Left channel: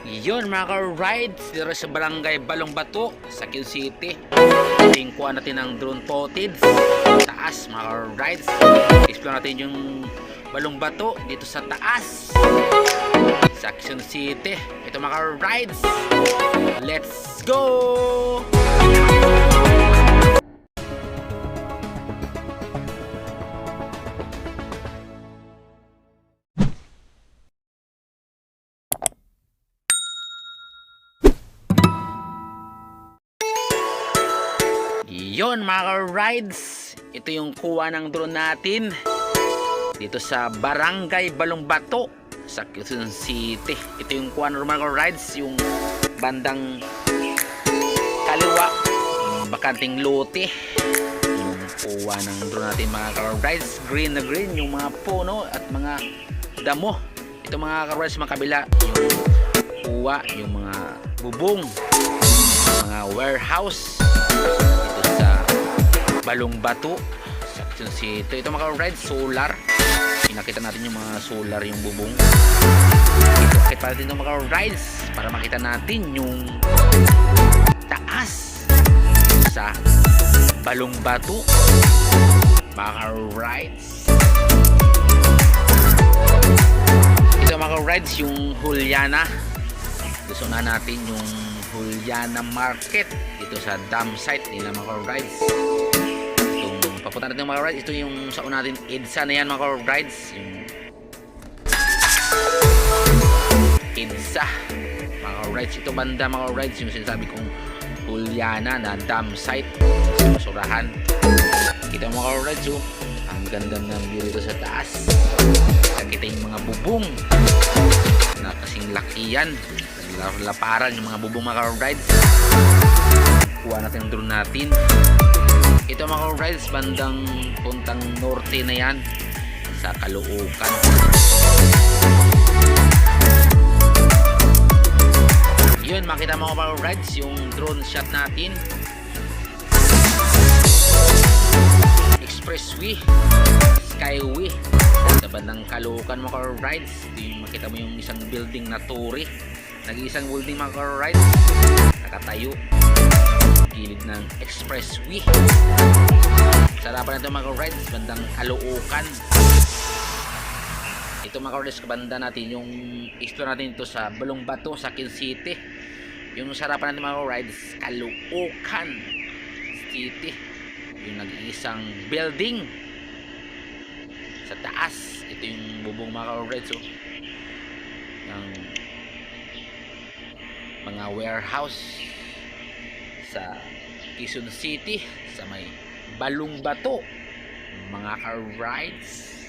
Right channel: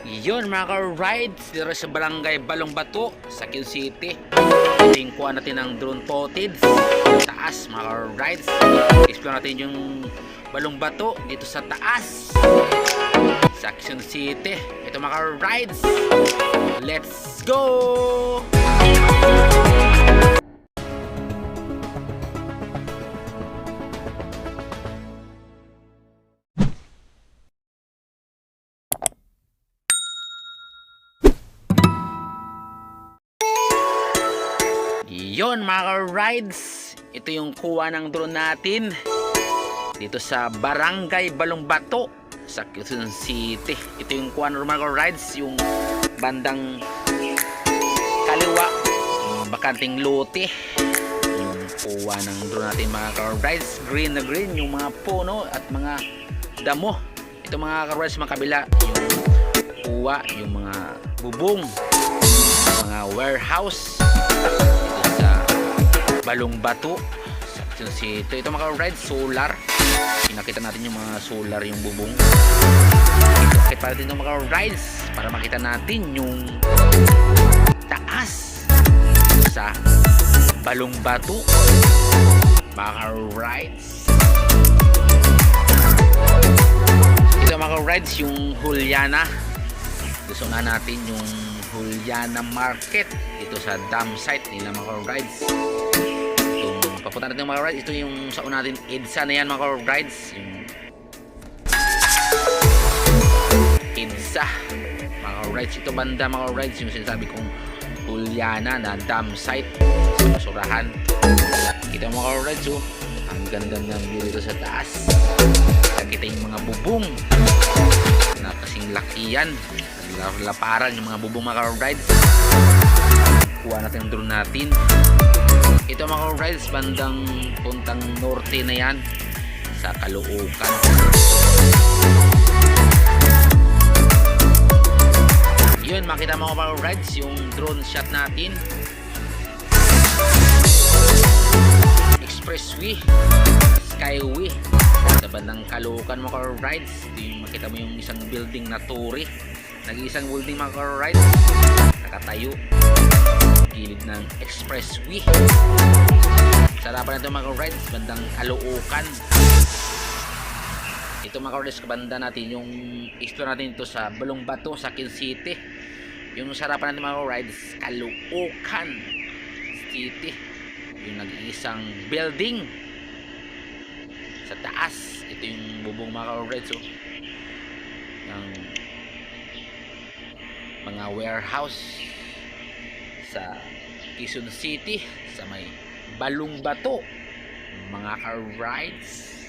Yun mga ka-rides, dito sa Barangay Balong Bato sa Quezon City. Tingkuhan natin ang drone footage taas mga ka-rides. Explore natin yung Balong Bato dito sa taas sa Quezon City. Ito mga ka-rides, let's go! Yon mga ka-rides, ito yung kuha ng drone natin dito sa Barangay Balong Bato sa Quezon City. Ito yung kuha ng mga ka-rides, yung bandang kaliwa, yung bakanting lote, yung kuha ng drone natin mga ka-rides. Green na green yung mga puno at mga damo. Ito mga ka-rides, mga kabila yung kuha, yung mga bubong, mga warehouse sa Balong Bato sa Quezon City. Ito mga ka-rides, solar. Pinakita natin yung mga solar, yung bubong. Ito, pakita natin yung mga ka-rides para makita natin yung taas sa Balong Bato mga ka-rides. Ito mga ka-rides, yung Juliana. Gusto na natin yung Juliana Market dito sa dam site nila mga ka-rides. Itong papunta natin mga ka-rides, ito yung sa una natin EDSA na yan mga ka-rides, yung EDSA mga ka-rides. Ito banda mga ka-rides, yung sinasabi kong Juliana na dam site sa basurahan. Kita mga ka-rides, oh, ang ganda ng view dito sa taas. Kita yung mga bubong na kasing lakiyan, laparan yung mga bubong mga ka-rides. Kuha natin ang drone natin. Ito mga ka-rides, bandang puntang norte na yan sa Caloocan. Yun, makita mga ka-rides yung drone shot natin. Expressway, Skyway sa bandang Caloocan mga ka-rides. Ito yung makita mo yung isang building na turi. Nag-iisang building mga ka-rides, nakatayo gilid ng expressway. Sarapan na ito mga ka-rides, bandang Caloocan. Ito mga ka-rides, kabanda natin yung explore natin ito sa Balong Bato sa Quezon City. Yung sarapan natin mga ka-rides, Caloocan City, yung nag-iisang building sa taas. Ito yung bubong mga ka-rides, oh, ng mga warehouse sa Quezon City sa may Balong Bato mga ka-rides.